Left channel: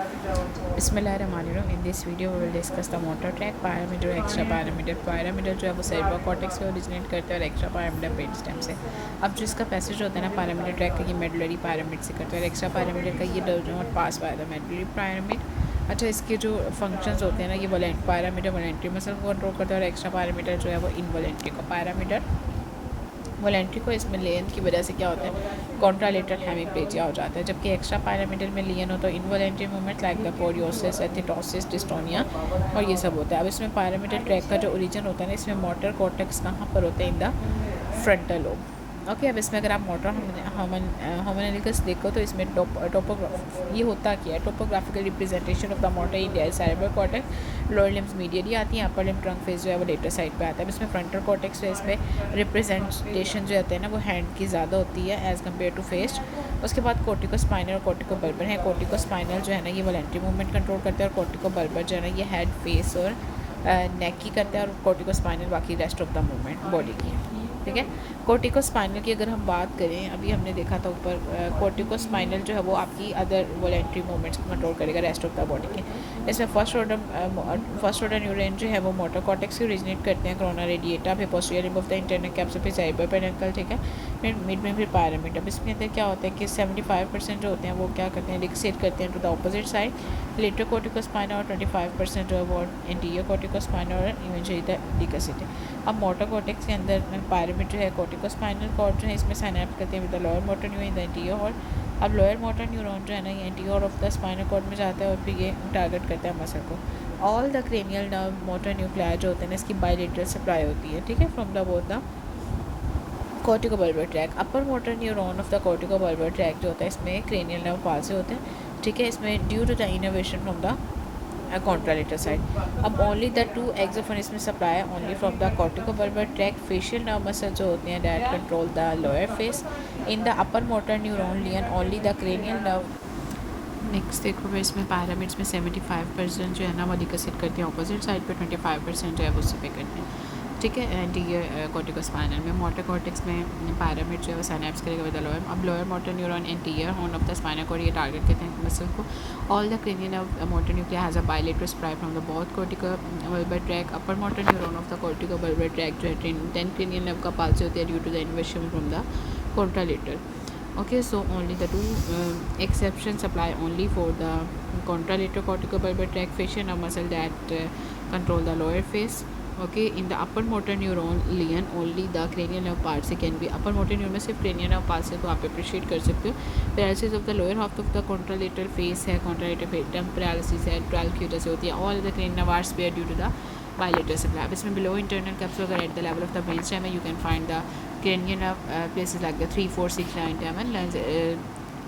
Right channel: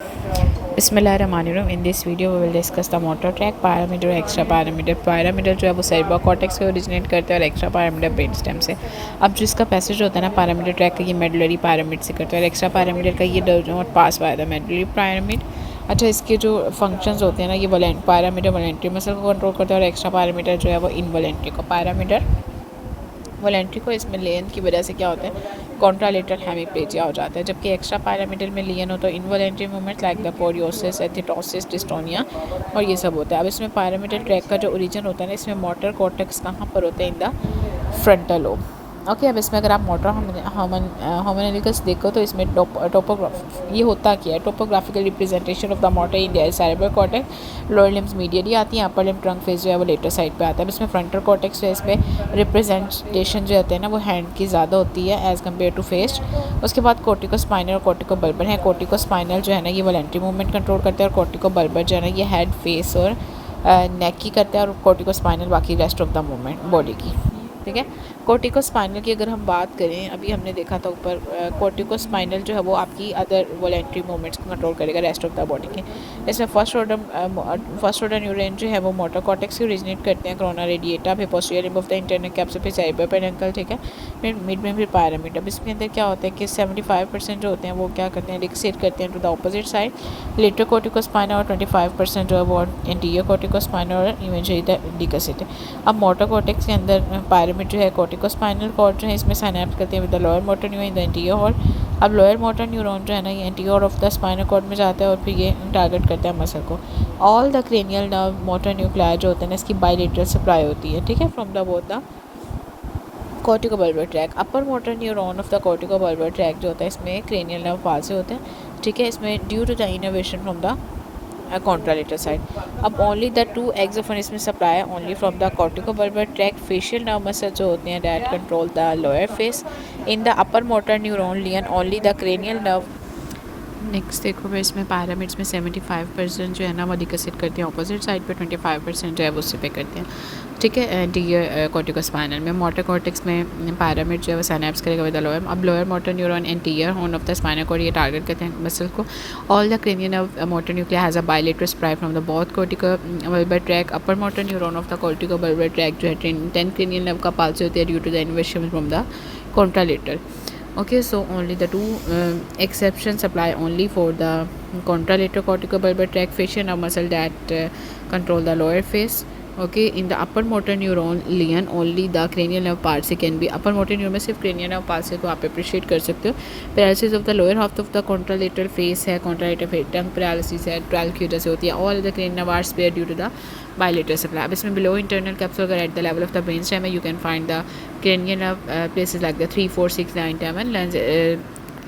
बिस्मिल्लाहिर्रहमानिर्रहीम। In this video we will discuss the motor tract, parameter, extra parameter. Parameter जो है वो cerebral cortex से ओरिजिनेट करता है और एक्स्ट्रा पैरामीटर ब्रेन स्टेम से। अब जिसका पैसेज होता है ना पैरामीटर ट्रैक का, ये मेडुलरी पैरामिड से करता है और एक्स्ट्रा पैरामीटर का ये dose pass by the medullary pyramid. अच्छा, इसके जो फंक्शंस होते हैं ना, ये पैरामीटर वॉलेंट्री मसल को कंट्रोल करता है और एक्स्ट्रा पैरामीटर जो है वो इनवॉलेंट्री को। पैरामीटर वॉलेंट्री को इसमें लेन की वजह से क्या होता है, कॉन्ट्रालेटरल हेमीप्लेजिया हो जाता है, जबकि एक्स्ट्रा पैरामीटर में लियन हो तो इनवॉलेंट्री मूवमेंट लाइक द पोरियोसिस, एथिटोसिस, डिस्टोनिया और ये सब होता है। अब इसमें पैरामीटर ट्रैक का जो ओरिजिन होता है ना, इसमें मोटर कॉर्टेक्स कहाँ पर होते हैं, in the frontal lobe. Okay, अब इसमें अगर आप मोटर होमोनिकस देखो तो इसमें ये होता क्या है, topographical representation of the motor India is cerebral cortex. Lower limbs medially आती है, अपर लिम्ब ट्रंक फेस जो है वो लेटर साइड पे आता है। अब इसमें फ्रंटल कॉर्टेक्स जो है इसमें रिप्रेजेंटेशन जो होते हैं ना वो हैंड की ज़्यादा होती है एज़ कम्पेयर टू फेस। उसके बाद कोर्टिको स्पाइनल और कोर्टिको बल्बर है। कोर्टिको स्पाइनल जो है ना ये वॉलेंट्री मूवमेंट कंट्रोल करते हैं और कोर्टिको बल्बर जो है ना ये हेड, फेस और नेक की करते हैं और कोर्टिको स्पाइनल बाकी rest of the movement body की। ठीक है, कोर्टिको स्पाइनल की अगर हम बात करें, अभी हमने देखा था ऊपर, कोर्टिको स्पाइनल जो है वो आपकी अदर वॉलेंट्री मूवमेंट्स को कंट्रोल करेगा रेस्ट ऑफ द बॉडी के। इसमें फर्स्ट ऑर्डर न्यूरॉन जो है वो मोटर कॉर्टेक्स से ओरिजिनेट करते हैं, कोरोना रेडिएटा, फिर posterior limb of the internal capsule, फिर सेरेब्रल पेडुंकल। ठीक है, फिर मिड में फिर पैरामीटर। इसमें अंदर क्या होता है कि 75% जो होते हैं वो क्या करते हैं, डिक्सेट करते हैं to the opposite side lateral cortico spinal, और 25% जो है वो इंटीरियर कोर्टिको स्पाइनल और इवेंचुअली द डिक्सेट। अब मोटर कॉर्टेक्स के अंदर पैरामीटर जो है कोर्टिको स्पाइनल कॉर्ड जो है इसमें साइनैप्स करते हैं with the lower motor neuron in the anterior horn. अब लोअर मोटर न्यूरॉन जो है ना ये interior of the spinal cord में जाता है और फिर ये टारगेट करता है मसल को। All the cranial nerve motor nuclear जो होते हैं ना इसकी बायलेटरल सप्लाई होती है। ठीक है, from the both the cortico bulbar tract. Upper motor neuron of the cortico bulbar tract जो होता है इसमें क्रेनियल नर्व पास से होते हैं। ठीक है, इसमें due to the innervation from the contralateral side. अब only the two eggs of इसमें supply only from the corticobulbar tract. facial nerve muscle जो होते हैं that control the lower face. in the upper motor neuron lion only the cranial nerve। Next देखो मैं इसमें pyramids में 75% जो है ना वो डिकसिट करते हैं ऑपोजिट साइड पे, 25% जो है वो उससे पे करते हैं। ठीक है, एंटीरियर कोर्टिको स्पाइनल में मोटर कॉर्टेक्स में पैरामिड जो है वो साइनैप्स करेगा विद द लोअर। अब lower motor neuron anterior horn of the spinal cord ये टारगेट करते हैं मसल को। All the cranial nerve motor nuclear has a bilateral supply from the both cortico bulbar tract. Upper motor neuron of the cortico bulbar tract जो है 10 cranial nerve का पास होती है due to the innervation from the contralateral. Okay, so only the two exceptions apply only for the contralateral corticobulbar tract fascia nerve muscle that control the lower face. Okay, in the upper motor neuron lion only the cranial nerve part से can be upper motor neuron में सिर्फ cranial nerve part से तो आप appreciate कर सकते हो। paralysis of the lower half of the contralateral face है, contralateral face tongue paralysis है, trachea से होती है। all the cranial nerve are spared due to the bilateral supply। अब इसमें below internal capsule अगर at the level of the brain stem है, you can find the cranial nerve places like the 3, 4, 6, 9, 10 and lens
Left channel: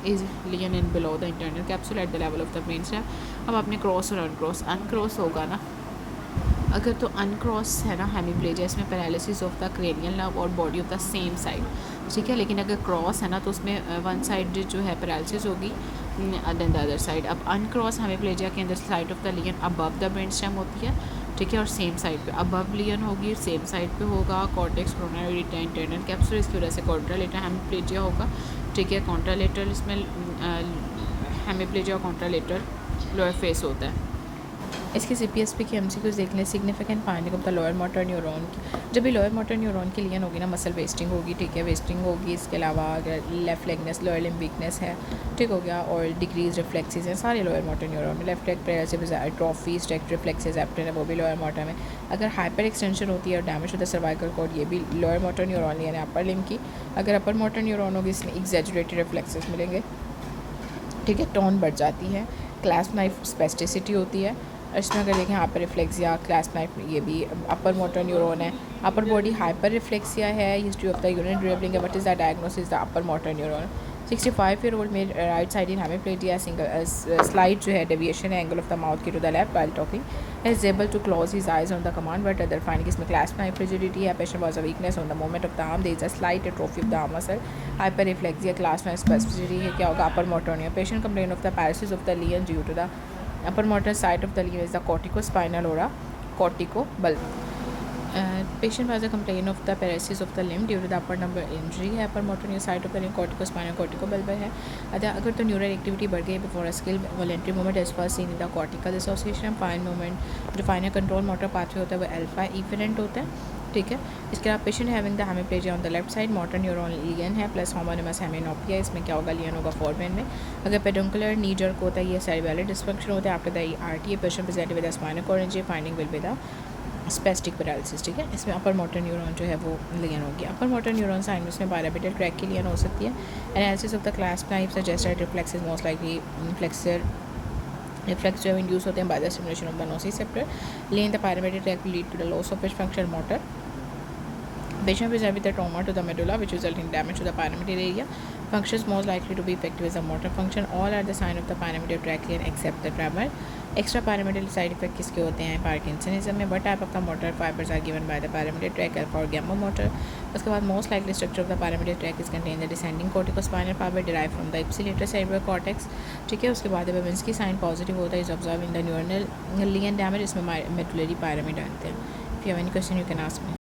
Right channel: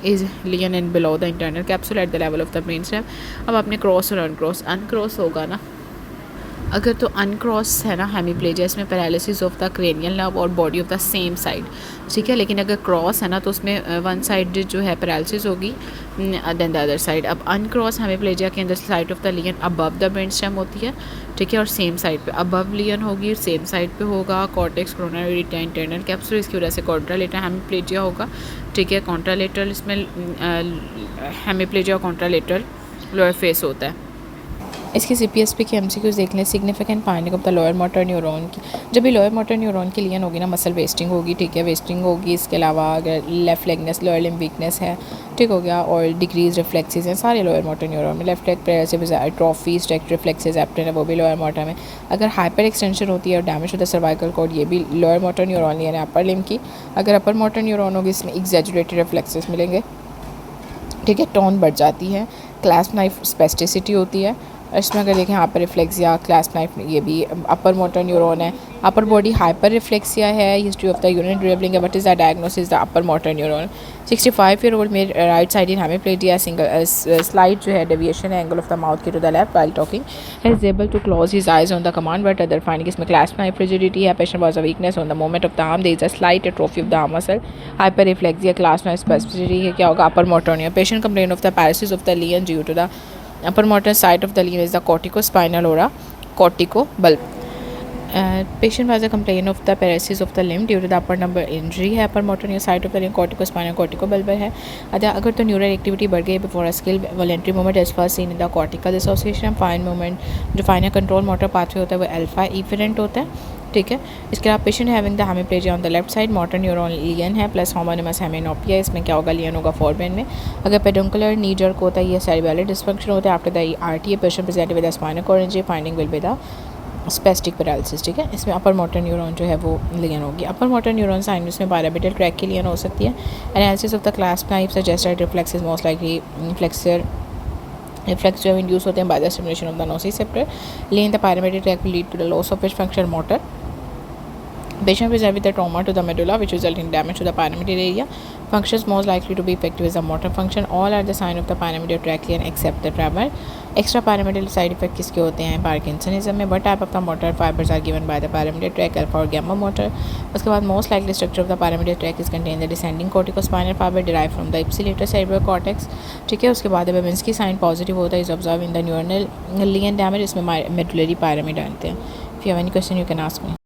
is lion and below the internal capsule at the level of the brain stem। अब आपने cross और अनक्रॉस होगा ना, अगर तो अनक्रॉस है ना हेमीप्लेजिया, इसमें paralysis of the cranial nerve और body of the same side. ठीक है, लेकिन अगर क्रॉस है ना तो उसमें वन साइड जो है पैरालिसिस होगी देन द अदर साइड। अब अनक्रॉस हेमीप्लेजिया के अंदर side of the lesion above the brain stem होती है। ठीक है, और सेम साइड पे अबव लियन होगी, सेम साइड पे होगा cortex, corona radiata, internal capsule. इसकी वजह से कॉन्ट्रालेटरल हेमीप्लेजिया होगा। ठीक है, कॉन्ट्रालेटरल इसमें हेमीप्लेजिया और कॉन्ट्रालेटरल लोअर फेस होता है। इसकी CPSP की MCQs देख लें। Significant finding of the lower motor neuron की, जब भी लोअर मोटर न्यूरॉन की लियन होगी ना मसल वेस्टिंग होगी। ठीक है, वेस्टिंग होगी। इसके अलावा अगर लेफ्ट लेगनेस, लोअर लिम्ब वीकनेस है, ठीक हो गया, और डिक्रीज रिफ्लेक्सेस हैं सारे लोअर मोटर न्यूरॉन में। लेफ्ट लेग पैरालिसिस, एट्रोफी, स्ट्रेक्ट रिफ्लेक्सेस, एप्टन है वो भी लोअर मोटर में। अगर हाइपर एक्सटेंशन होती है और डैमेज होता है सर्वाइकल कॉर्ड, ये भी लोअर मोटर न्यूरॉन लियन है अपर लिम्ब की। अगर अपर मोटर न्यूरॉन होगी इसमें एक्सैजुरेटेड रिफ्लेक्सेस मिलेंगे। ठीक है, टोन बढ़ जाती है, क्लास्प नाइफ स्पेस्टिसिटी होती है। इसमें अगर देखें हाइपर रिफ्लेक्सिया, क्लास्प नाइफ, ये भी अपर मोटर न्यूरॉन है। अपर बॉडी हाइपर रिफ्लेक्सिया है, history of the urine dribbling है। What is the diagnosis? The upper motor neuron. 65 year old में right side in hemiplegia, single slide जो है deviation है angle of the mouth की to the left while talking, is able to close his eyes on the command but other finding. इसमें clasp knife rigidity है, patient was a weakness on the movement of the arm, there is a slight atrophy of the arm muscle, hyperreflexia, clasp knife spasticity है, क्या होगा upper motor neuron. Patient complain of the paralysis of the lesion due to the upper motor side of the lion is the corticospinal or a corticobulbar। Patient was a complain of the paralysis of the limb due to the upper number injury है, upper motor neuro side of the limb corticospinal corticobulbar है। अगर तो neural activity बढ़ गई before a skill voluntary movement is first seen in the cortical dissociation. Fine movement जो final control motor pathway होता है वो अल्फा इफरेंट होता है, ठीक है। इसके अलावा patient having the hemiplegia on the left side, motor neuron lesion है प्लस होमोनिमस हेमिनोपिया। इसमें क्या होगा, लियन होगा फोरबेन में। अगर पेडुंकुलर नी जर्क होता है, ये सेरिबेलर डिस्फंक्शन होता है after the RTA. Patient present with the spinal cord injury, finding will be the spastic paralysis, ठीक है। इसमें अपर मोटर न्यूरॉन जो है वो लियन होगी। अपर मोटर न्यूरॉन साइन इसमें पैराबिटल ट्रैक की लियन हो सकती है। Analysis of the class type suggest that reflex is most likely flexor reflex जो इंड्यूस होते हैं by the stimulation of the nociceptor. लेन the pyramidal tract lead to the loss of function motor. Patient present with a trauma to the medulla which result in damage to the pyramidal area. Functions most likely to be effective is the motor function. All are the sign of the pyramidal trachea except the tremor. Extra pyramidal side effect किसके होते हैं, parkinsonism में। But type of the motor fibres are given by the pyramidal tract, alpha और gamma motor. उसके बाद most likely structure of the pyramidal tract is contain the descending corticospinal fibre derive from the ipsilateral cerebral cortex, ठीक है। उसके बाद Babinski sign positive होता है, is observe in the neural lesion damage. इसमें medullary pyramid आते हैं। If you have any question you can ask me.